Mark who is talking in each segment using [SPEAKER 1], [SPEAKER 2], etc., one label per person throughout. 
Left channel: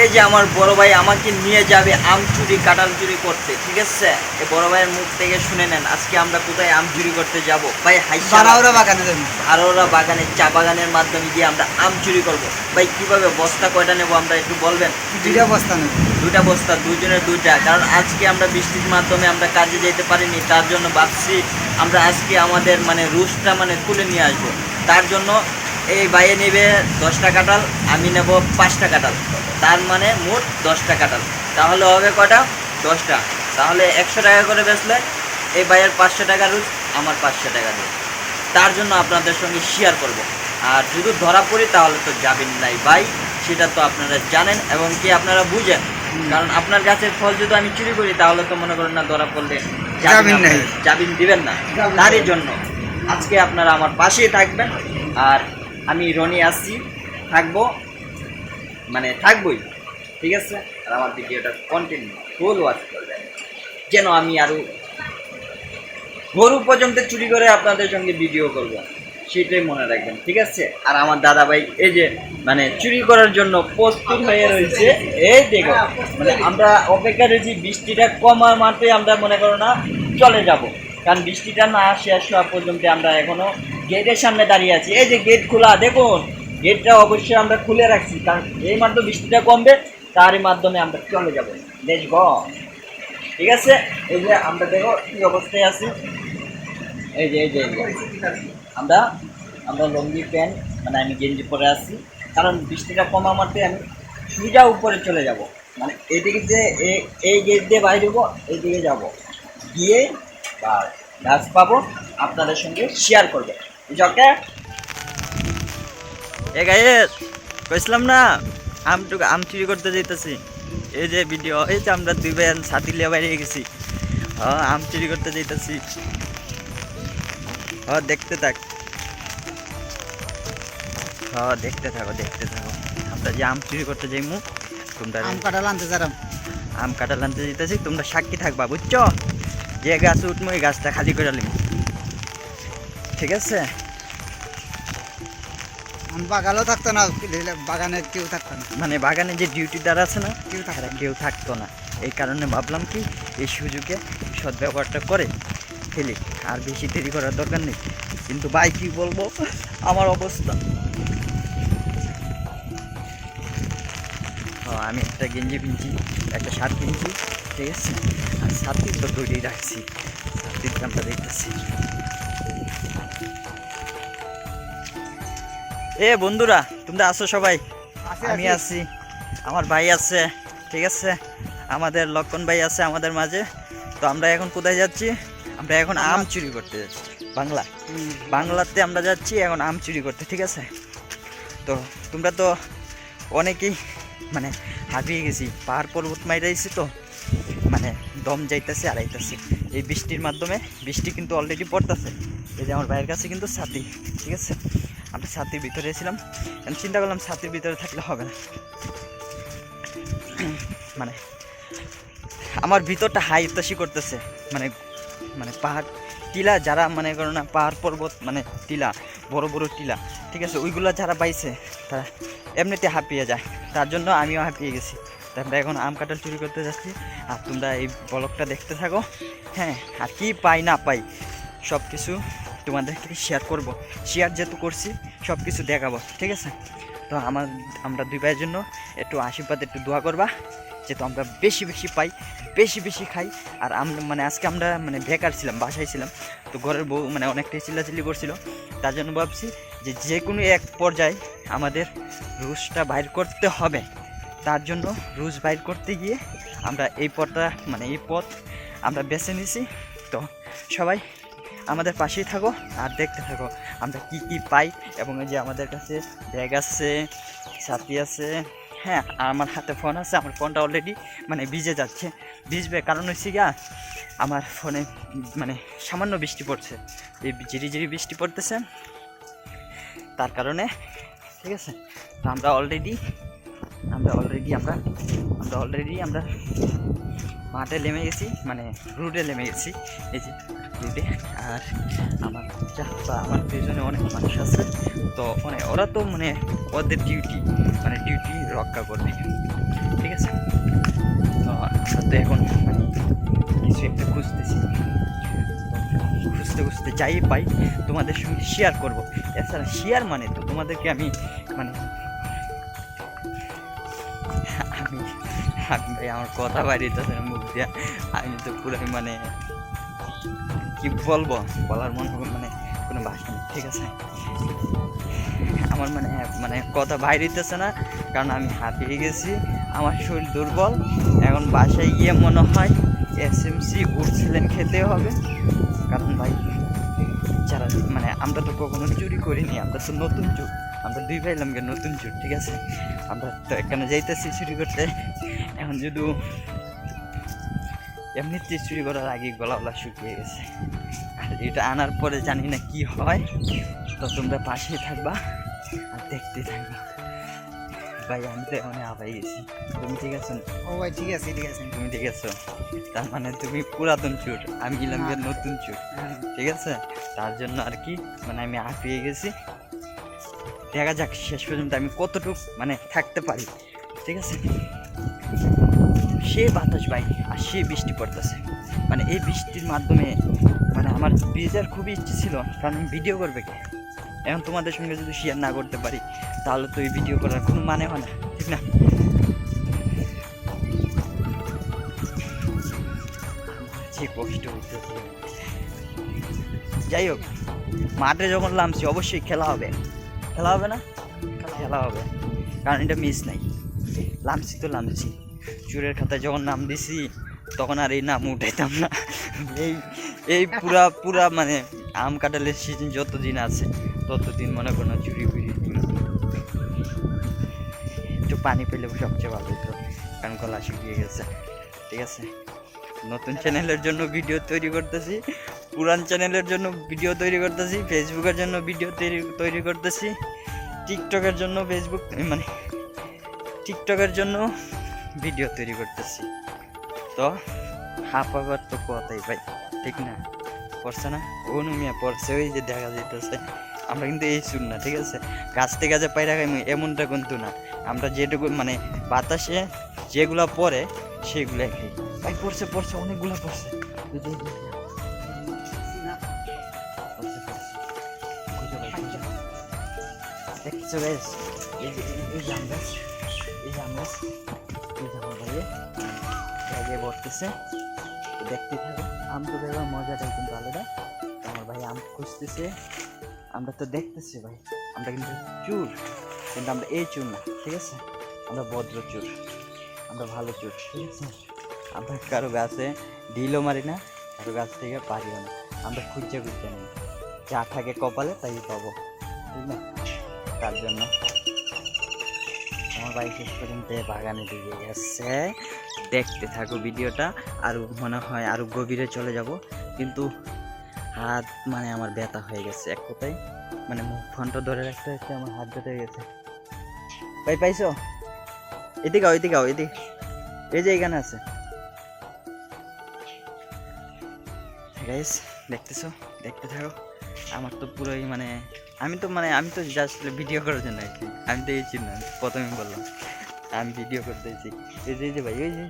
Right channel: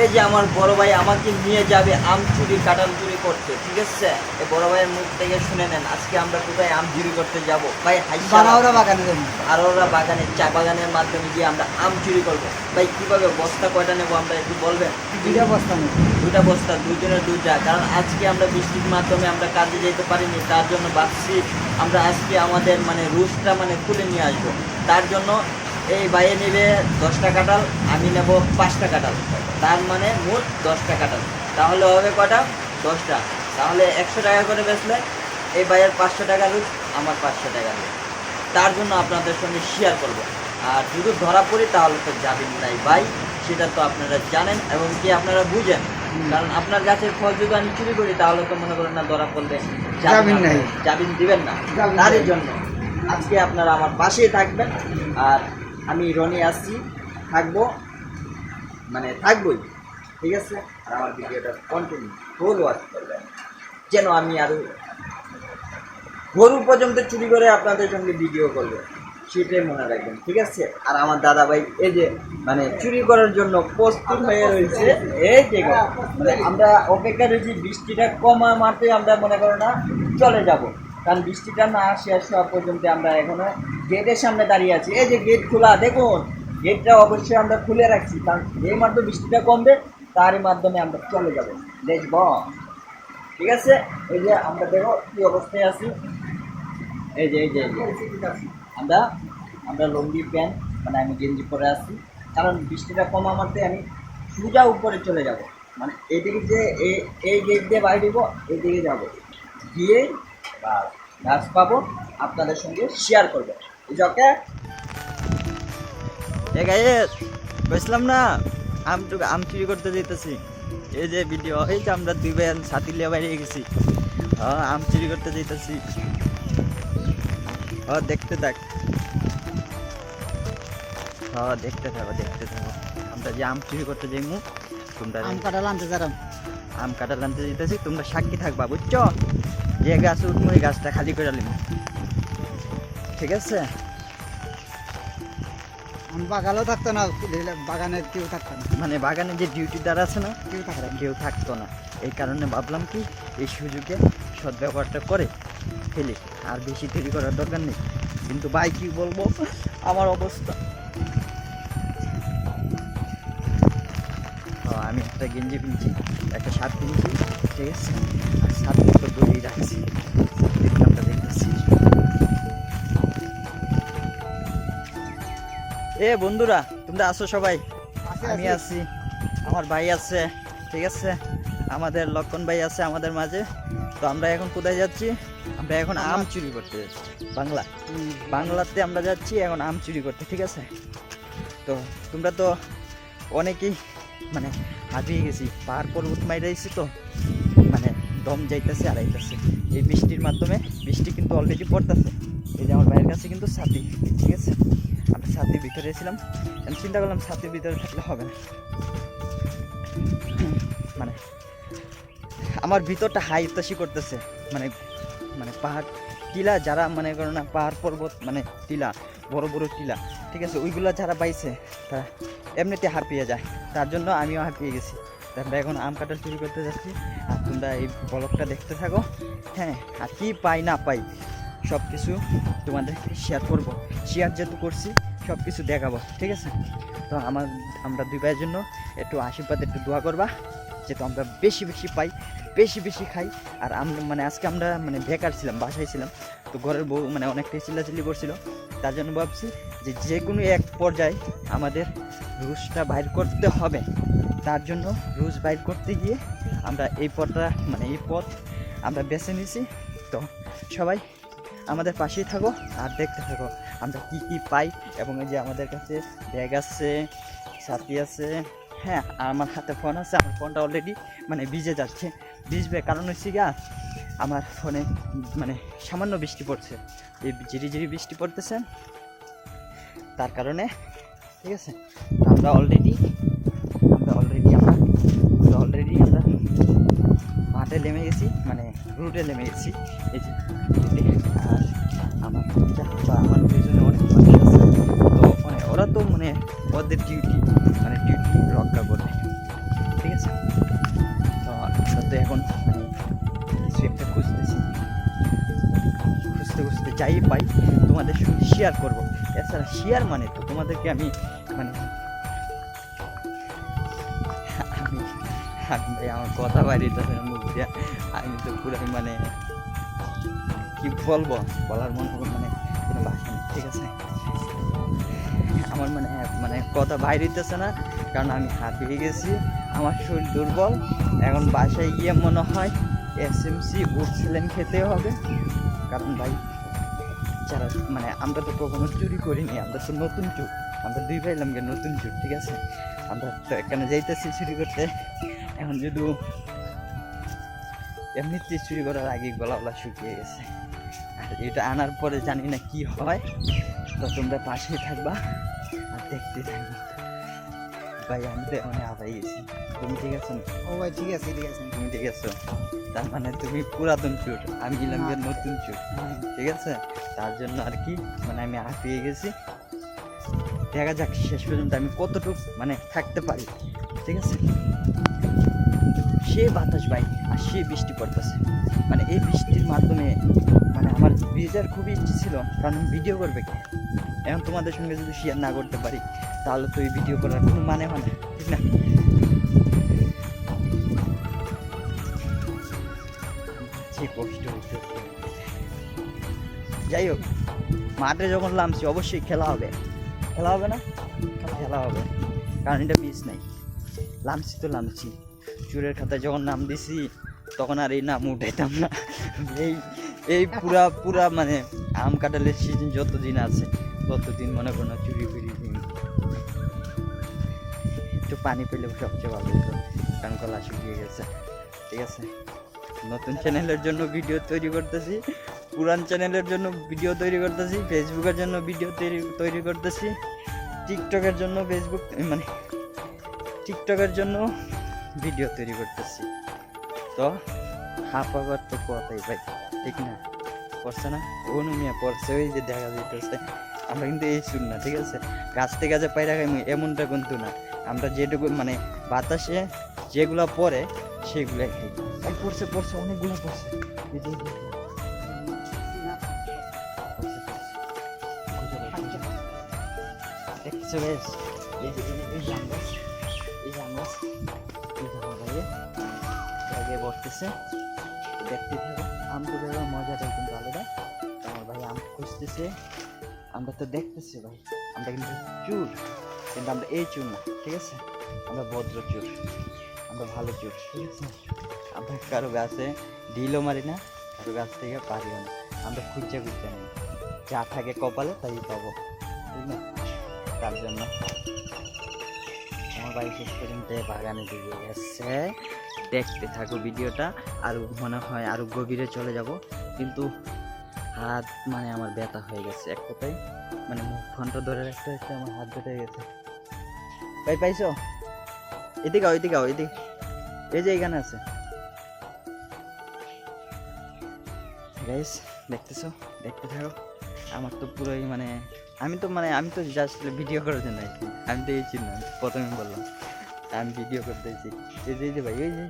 [SPEAKER 1] এই যে আমার বড় ভাই আমাকে নিয়ে যাবে আম চুরি কাঁঠাল চুরি করতে ঠিক আছে? এই বড় ভাইয়ের মুখ থেকে শুনে নেন আজকে আমরা কোথায় আম চুরি করতে যাব? ভাই হাইসা
[SPEAKER 2] বারাওরা বাগানে যাব।
[SPEAKER 1] আরোরা বাগানে চা বাগানের মাধ্যমে গিয়ে আমরা আম চুরি করব। ভাই কীভাবে বস্তা কয়টা নেব আমরা একটু বলবেন?
[SPEAKER 2] দুইটা বস্তা নেব।
[SPEAKER 1] দুইটা বস্তা দুইজনের দুইটা। কারণ আজকে আমরা বৃষ্টির মাধ্যমে আমরা কাজে যেতে পারিনি তার জন্য ভাবছি আমরা আজকে আমাদের মানে রুশটা মানে তুলে নিয়ে আসব। তার জন্য এই বাইয়ে নেবে দশটা কাঁঠাল আমি নেব পাঁচটা কাঁঠাল। তার মানে মোট দশটা কাঁঠাল। তাহলে হবে কটা দশটা। তাহলে একশো টাকা করে বেচলে এই বাইয়ের পাঁচশো টাকা রুজ আমার পাঁচশো টাকা রুজ তার জন্য আপনাদের সঙ্গে শেয়ার করব। আর যদি ধরা পড়ি তাহলে তো যাবেন নাই ভাই সেটা তো আপনারা জানেন এবং কি আপনারা বুঝেন। কারণ আপনার গাছের ফল যদি আমি চুরি করি তাহলে তো মনে করেন না ধরা পড়লে
[SPEAKER 2] যাবেন নাই।
[SPEAKER 1] যাবিন দিবেন না। তারই জন্য আজকে আপনারা আমার পাশেই থাকবেন। আর আমি রনি আসছি থাকব মানে থাকবই, ঠিক আছে? আর আমার ভিডিওটা কন্টিনিউ ফুল ওয়াচ করবেন। যেন আমি আরও গরু পর্যন্ত চুরি করে আপনাদের সঙ্গে ভিডিও করব, সেটাই মনে রাখবেন, ঠিক আছে? আর আমার দাদা ভাই এই যে মানে চুরি করার জন্য প্রস্তুত হয়ে রয়েছে, এই দেখো মানে আমরা অপেক্ষা রয়েছি, বৃষ্টিটা কমার মাত্রই আমরা মনে করো না, চলে যাব। কারণ বৃষ্টিটা না শেষ হওয়া পর্যন্ত আমরা এখনও গেটের সামনে দাঁড়িয়ে আছি। এই যে গেট খোলা, দেখুন, গেটটা অবশ্যই আমরা খুলে রাখছি, কারণ এই মাধ্যমে বৃষ্টিটা কমবে, তারই মাধ্যমে আমরা চলে যাব। দেশ গ ঠিক আছে? এই যে আমরা দেখো কি অবস্থায় আছি। এই যে এই যে। আমরা আমরা লঙ্গি, প্যান্ট মানে আমি গেঞ্জি পরে আছি। কারণ বৃষ্টিটা কমা মারতে আমি সোজা উপরে চলে যাব। মানে এদিকে যে এই গেট দিয়ে বাইরে হব এইদিকে যাব। গিয়ে বা গাছ পাবো, আপনাদের সঙ্গে শেয়ার করব। জকে এ গাইস কইছিলাম না। আমটুকু আম চুরি করতে যেতেছি এই যে ভিডিও এই যে আমরা দুই ভাই সাথী লিয়ে বাইরে গেছি। আম চুরি করতে যেতেছি ও দেখতে থাক। হ দেখতে থাকো দেখতে থাকো। আমরা যে আম চুরি করতে যাইমু তোমরা
[SPEAKER 2] আম কাঁঠাল আনতে যারাম।
[SPEAKER 1] আম কাটা আনতে যেতেছি তোমরা সাক্ষী থাকবা বুঝছ? যে গাছ উঠমু ওই গাছটা খালি করে লিম ঠিক আছে?
[SPEAKER 2] আম বাগালেও থাকতো না বাগানে কেউ থাকতো না।
[SPEAKER 1] মানে বাগানে যে ডিউটিদার আছে না
[SPEAKER 2] কেউ থাকতো
[SPEAKER 1] কেউ থাকতো না। এই কারণে ভাবলাম কি এই সুযোগে সদ্ব্যবহারটা করে ফেলি। আর বেশি দেরি করার দরকার নেই। কিন্তু ভাই কি বলব? আমার অবস্থা। আমি একটা গেঞ্জি কিনছি একটা শার্ট কিনছি ঠিক আছে? আর সাথে তো দড়ি রাখছি। দামটা দেখতেছি। এ বন্ধুরা তোমরা আসো সবাই। আমি
[SPEAKER 2] আছে।
[SPEAKER 1] আমার ভাই আছে ঠিক আছে? আমাদের লক্ষণ ভাই আছে আমাদের মাঝে। তো আমরা এখন কোথায় যাচ্ছি? আমরা এখন আম চুরি করতে যাচ্ছি বাংলা। বাংলাতে আমরা যাচ্ছি এখন আম চুরি করতে ঠিক আছে? তো তোমরা তো অনেকেই মানে হাবিয়ে গেছি। পাহাড় পর্বত মাইরাইছি তো মানে দম যাইতেছে আর আইতেছে এই বৃষ্টির মাধ্যমে বৃষ্টি কিন্তু অলরেডি পড়তেছে। এই যে আমার ভাইয়ের কাছে কিন্তু ছাতি ঠিক আছে? আমরা ছাতির ভিতরে আমি চিন্তা করলাম ছাতির ভিতরে থাকলে হবে না। মানে আমার ভিতরটা হাই উত্তাসী করতেছে। মানে মানে পাহাড়, টিলা যারা মনে করো না, পাহাড় পর্বত মানে টিলা, বড় বড় টিলা, ঠিক আছে, ওইগুলো যারা পাইছে তারা এমনিতে হাঁপিয়ে যায়। তার জন্য আমিও হাঁপিয়ে গেছি। তারপরে এখন আম কাঁঠাল চুরি করতে যাচ্ছি। আর তোমরা এই ব্লগটা দেখতে থাকো। হ্যাঁ আর কি পাই না পাই সব কিছু তোমাদেরকে শেয়ার করব। শেয়ার যেহেতু করছি সব কিছু দেখাবো, ঠিক আছে? তো আমার, আমরা দুই ভাইয়ের জন্য একটু আশীর্বাদ, একটু দোয়া করবা, যেহেতু আমরা বেশি বেশি পাই, বেশি বেশি খাই। আর আমরা মানে আজকে আমরা মানে বেকার ছিলাম, বাসায় ছিলাম, তো ঘরের বউ মানে অনেকটাই চিল্লাচিল্লি করছিল। তার জন্য ভাবছি যে যে কোনো এক পর্যায়ে আমাদের রুশটা বাইর করতে হবে। তার জন্য রুশ বাইর করতে গিয়ে আমরা এই পথটা মানে এই পথ আমরা বেছে নিয়েছি। তো সবাই আমাদের পাশেই থাকো আর দেখতে থাকো। আমরা কি কি পাই এবং এই যে আমাদের কাছে ব্যাগ আছে ছাতি আছে হ্যাঁ আর আমার হাতে ফোন আছে, আমার ফোনটা অলরেডি মানে ভিজে যাচ্ছে। ভিজবে কারণ হচ্ছে গিয়া আমার ফোনে মানে সামান্য বৃষ্টি পড়ছে। এই ঝিরি ঝিরি বৃষ্টি পড়তেছে। তার কারণে, ঠিক আছে আমরা অলরেডি আমরা অলরেডি আমরা আমরা অলরেডি আমরা মাঠে নেমে গেছি মানে রুটে নেমে গেছি। এই যে রুটে আমার যা বা আমার পেছনে অনেক মানুষ আছে। তো মানে ওরা তো মানে ওদের ডিউটি মানে ডিউটি রক্ষা করবে। ঠিক আছে? তো এখন মানে কিছু একটা খুঁজতেছি। খুঁজতে খুঁজতে যাই পাই, তোমাদের সঙ্গে শেয়ার করব। এছাড়া শেয়ার মানে তো তোমাদেরকে আমি মানে আমি আমি আমার কথা না মুখ দিয়া, আমি তো পুরাই মানে কি বলব? বলার মনে হবে মানে কোনো ভাষা নেই, ঠিক আছে? আমার মানে মানে কথা বাইরেতেছে না, কারণ আমি হাঁপিয়ে গেছি, আমার শরীর দুর্বল। এখন বাসায় গিয়ে মনে হয় এস এম সি উঠছিলেন খেতে হবে। কারণ ভাই, যারা মানে আমরা তো কখনো চুরি করিনি, আমরা তো নতুন চুর, আমরা দুই ভাই লামকে নতুন চুর, ঠিক আছে? আমরা তো এখানে যাইতেছি চুরি করতে। এখন যদি এমনিতে চুরি করার আগে গলা গলা শুকিয়ে গেছে। আর এটা আনার পরে জানি না কি হয়। তো তোমরা পাশেই থাকবা আর দেখতে থাকবা। ভাই আমি তো এখন আবাই গেছি। তুমি ঠিক আছো
[SPEAKER 2] ও ভাই ঠিক আছে ঠিক আছে।
[SPEAKER 1] তুমি ঠিক আছো? তার মানে তুমি পুরাতন চোর। আমি গেলাম গিয়ে নতুন চোর।
[SPEAKER 2] হ্যাঁ।
[SPEAKER 1] ঠিক আছে? তার জন্য আর কি মানে আমি হাঁপিয়ে গেছি। দেখা যাক শেষ পর্যন্ত আমি কতটুকু মানে থাকতে পারি। ঠিক আছে? সে বাতাস ভাই, আর সে বৃষ্টি পড়তেছে। মানে এই বৃষ্টির মাধ্যমে মানে আমার ভিজার খুবই ইচ্ছে ছিল, কারণ আমি ভিডিও করবে কি? এখন তোমাদের সঙ্গে যদি শেয়ার না করতে পারি, তাহলে তো এই ভিডিও করার কোনো মানে হয় না, ঠিক না? কষ্ট যাই হোক, মাঠে যখন নামছি, অবশ্যই খেলা হবে। খেলা হবে না? খেলা হবে। কারণ এটা মিস নাই। লামছি তো লামছি চুরের খাতায় যখন নাম দিছি, তখন আর এই নাম উঠাইতাম না। এই এই পুরা পুরা মানে আম কাঁঠালের সিজন যতদিন আছে, ততদিন মনে করো না চুরি ফুরি। একটু পানি পেলে সবচেয়ে ভালো হতো কারণ গলা শুকিয়ে গেছে। ঠিক আছে? নতুন চ্যানেলের জন্য ভিডিও তৈরি করতেছি, পুরান চ্যানেলের জন্য ভিডিও তৈরি করতেছি ফেসবুকের জন্য ভিডিও তৈরি তৈরি করতেছি টিকটকের জন্য ফেসবুক মানে টিকটকের জন্য ভিডিও তৈরি করতেছি তো হাঁপাবার তো কথাই ভাই ঠিক না পড়ছে না অনুমিয়া পড়ছে ওই যে দেখা যাইতেছে আমরা কিন্তু এই শুন না ঠিক আছে গাছ থেকে গাছে পায়রা খাই এমনটা কিন্তু না আমরা যেটুকু মানে বাতাসে যেগুলো পড়ে সেগুলো খাই ভাই পড়ছে পড়ছে অনেকগুলো পড়ছে এই আম গাছে, জায়গায় বসতেছে। দেখতে থাকো আম তো মজাটাই কিন্তু আলাদা। আমার ভাই আম খুঁজতেছে। আমরা তো দেখতেছি ভাই। আমরা কিন্তু চুর। কিন্তু আমরা এই চুর না ঠিক আছে? আমরা ভদ্র চুর। আমরা ভালো চুর ঠিক আছে? আমরা কারও গাছে ঢিলও মারি না কারও গাছ থেকে পারিও না। আমরা খুঁজে খুঁজতে নেই যা থাকে কপালে তাই পাবো ঠিক না? তার জন্য বাড়ি শেষ পর্যন্ত বাগানে দিকে গেছে। দেখতে থাকো ভিডিওটা, আর মনে হয় আরও গভীরে চলে যাব। কিন্তু হাত মানে আমার ব্যথা হয়ে গেছে এক কথায়। মানে ফোনটা ধরে রাখতে হচ্ছে, আমার হাত হয়ে গেছে। ভাই, পাইছো? এদিকে আও এদিকে আও, এদিকে। এই যে এখানে আছে। দেখতেছো? দেখতে থাকো। আমার তো পুরোই মানে আমি তো মানে আমি তো জাস্ট ভিডিও করার জন্য কি আমি তো এই চিন্তা, প্রথমে বললাম। আমি ভিডিও করতেছি এই যে এই যে ভাই, এই যে।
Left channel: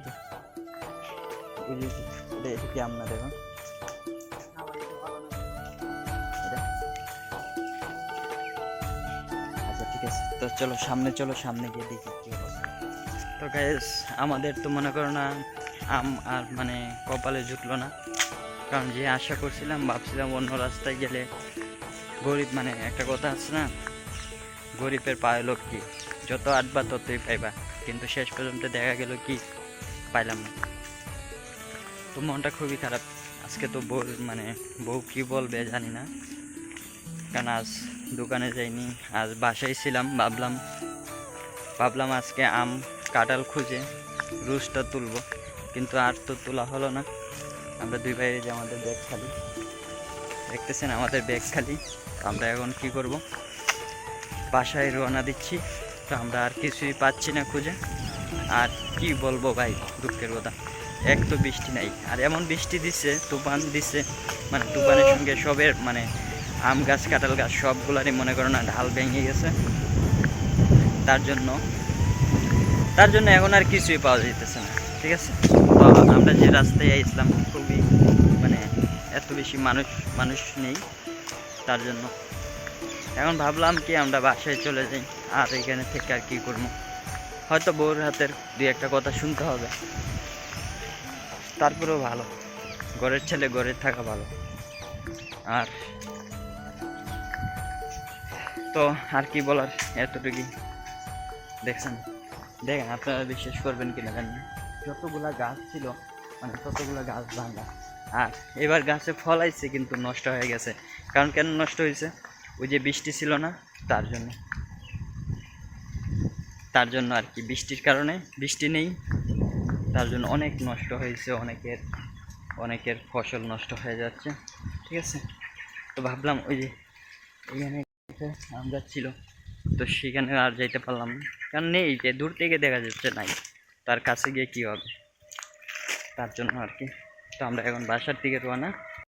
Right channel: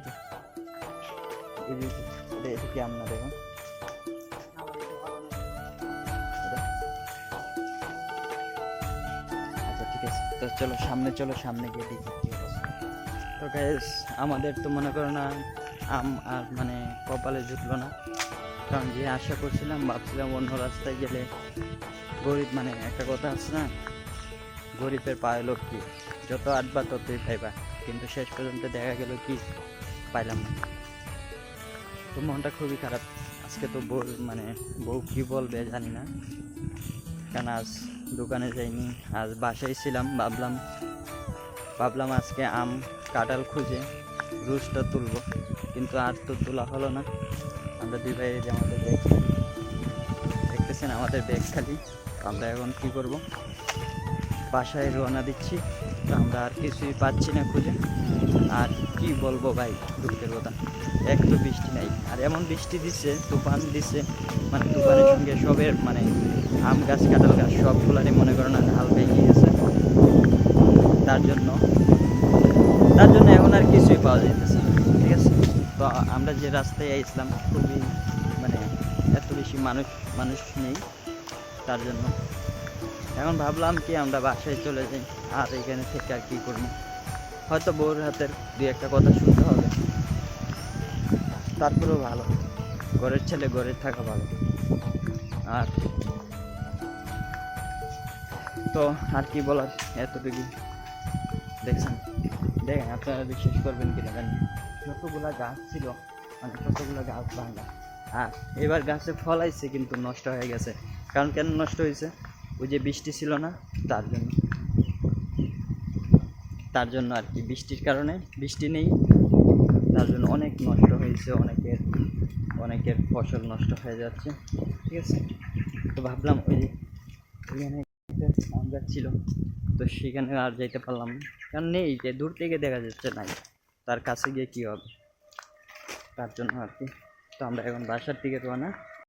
[SPEAKER 1] এটা কি আপনার দেখুন আচ্ছা ঠিক আছে। তো চলো, সামনে চলো, সামনে গিয়ে দেখি তো গ্যাস আমাদের তো মনে করো না, আম আর মানে কপালে জুটলো না। কারণ যে আশা করছিলাম, ভাবছিলাম অন্য রাস্তায় গেলে গরিব মানে একটা কথা আছে না? গরিবের পায়ে লোক কি? যত আটবা ততই পাইবা। কিন্তু শেষ পর্যন্ত দেখা গেল কি? পাইলাম না। তো মনটা খুবই খারাপ। আজকে তো বউ মানে বউ কি বলবে জানি না। কারণ আজ দোকানে যাইনি, আজ বাসায় ছিলাম, ভাবলাম ভাবলাম আজকে আম, কাঁঠাল খুঁজে রুসটা তুলবো। কিন্তু আর তো তোলা হলো না। আমরা দুই ভাই যে আমাদের ব্যাগ খালি। দেখতেছেন আমাদের ব্যাগ খালি। আমরা এখন কি করব? বাসায় রওনা দিচ্ছি। তো আমরা আর কিছুই পাচ্ছি না খুঁজে। আর কি বলব ভাই, দুঃখের কথা। এক তো বৃষ্টি নাই। আর এমন বৃষ্টি দিচ্ছে তুফান দিচ্ছে মানে তুফানের সঙ্গে সবের মানে আম গাছ, কাঁঠাল গাছ সবগুলারই মনে করো না, ঢাল ভেঙে গেছে। তার জন্য তার জন্য এখন আর কিছুই পাওয়া যাইতেছে না, ঠিক আছে? তো আমরা যে রাস্তায় আসলাম খুবই মানে এত বেশি মানুষ মানুষ নেই। তার জন্য। এখন ভাবলাম কি আমরা বাসায় চলে যাই, আর এখানে থেকে আর কি করব? হয়তো বউর হাতের দুই একটা কথা শুনতে হবে। তারপরেও ভালো। ঘরের ছেলে ঘরে থাকা ভালো। আর তো আর কি বলার এতটুকুই। দেখছেন? দেখেন, আপনারা বিশ্বাস করবেন কি না জানি না। যতগুলা গাছ ছিল মানে ততগুলো গাছ ভাঙা। আর এবার গাছে ফল আইছে, কিন্তু নষ্ট হয়ে গেছে। কারণ কেন নষ্ট হয়েছে? ওই যে বৃষ্টি ছিল না, তার জন্য। তার জন্য আর কি, বৃষ্টির কারণে বৃষ্টি নেই। তার জন্য অনেক নষ্ট হয়েছে, অনেকের অনেকের ফসল নষ্ট হয়ে যাচ্ছে, ঠিক আছে? তো ভাবলাম ওই যে এখানে আমরা ছিল, তো সেখানে আর যাইতে পারলাম না। কারণ নেই, যে দূর থেকে দেখা যাচ্ছে নাই, তার কাছে গিয়ে কী হবে? তার জন্য আর কি। তো আমরা এখন বাসার দিকে রোয়ানা